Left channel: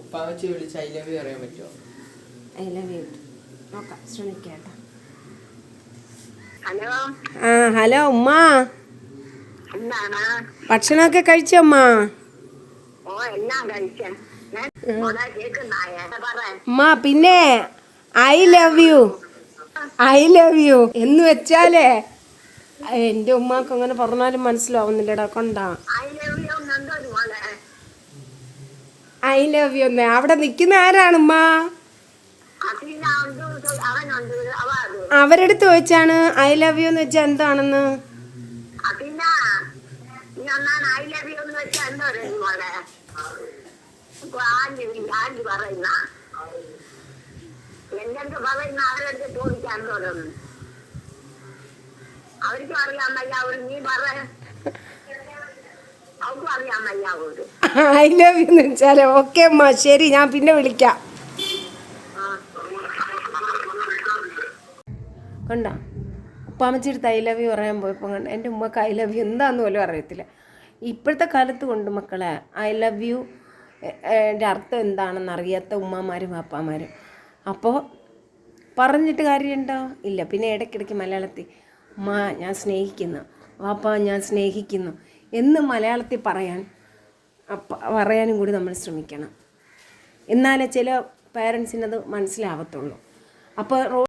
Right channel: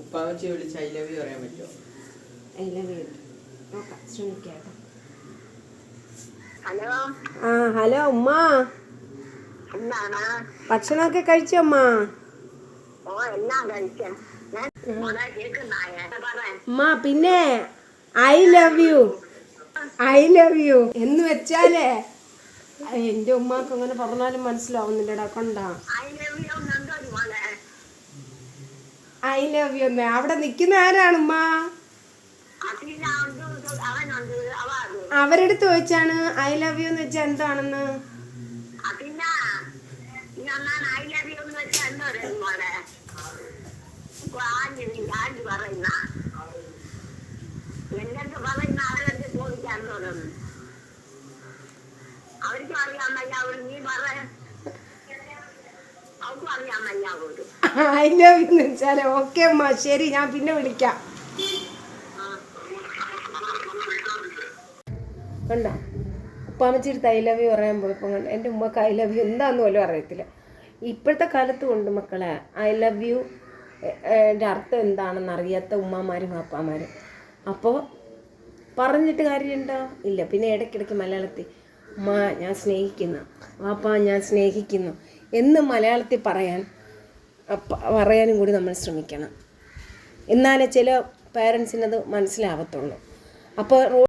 ഉപ്പാമച്ചി വിളിച്ച് I love you പറയാൻ പറ്റുമോ? ഐ ലവ് യു നോക്കാം, ശ്രമിക്കാം. ഹലോ. ഹലോ ഉമ്മ, ഭക്ഷണമൊക്കെ കഴിച്ചോ ഉമ്മ? ഉമ്മ പിന്നെ ഐ ലവ് യു എന്ന് വെച്ചാലേ എൻ്റെ ഉമ്മാക്ക് അങ്ങനെ പറഞ്ഞാലും മനസ്സിലാവുന്നില്ലടാ. കൊണ്ടാ ഐ ലവ് യു എന്നേ. അവിടെ നിൽക്കുന്ന ആരാണ് ഉമ്മ? അവരെടുത്ത് ചോദിച്ചാണ് ഐ ലവ് യു എന്ന് വെച്ചാൽ എന്താണെന്ന്. അവർക്കും അറിയാമല്ല, നീ പറ. അവർക്കും അറിയാമല്ല. ഐ ലവ് യു എന്ന് വെച്ചാലോ? ഓക്കെ അമ്മ, ശരി, ഞാൻ പിന്നെ വിളിക്കാം. കണ്ട ഉപ്പാമച്ചിയുടെ ഐ ലവ് യു പറയാൻ പോയപ്പോൾ കണ്ട എൻ്റെ ഉമ്മക്ക് ഐ ലവ് യു എന്താന്ന് പോലും അറിയത്തില്ല. ഇപ്പോഴത്തെ കാലത്ത് കൊണ്ട് മക്കളെ ഐ ലവ് യു ൻ്റെ അർത്ഥം എന്താണെന്ന് അറിയാത്ത ഉമ്മമാരും അപ്പാമാരും. അപ്പോൾ പറഞ്ഞിട്ട് കാര്യമുണ്ടോ? ഇല്ല. പിന്നെ ഇടയ്ക്കിടയ്ക്ക് മലയാളത്തിൽ ഉമ്മ ഞാൻ സ്നേഹിക്കുന്നു, വാപ്പ ഞാൻ സ്നേഹിക്കുന്നു എന്ന് മലയാളത്തിൽ പറയാനും കൂടി നമ്മൾ ശ്രമിക്കണം. എന്നാലേ ചില പേരൻസിനത് മനസ്സിലാവത്തുള്ളൂ. അപ്പോൾ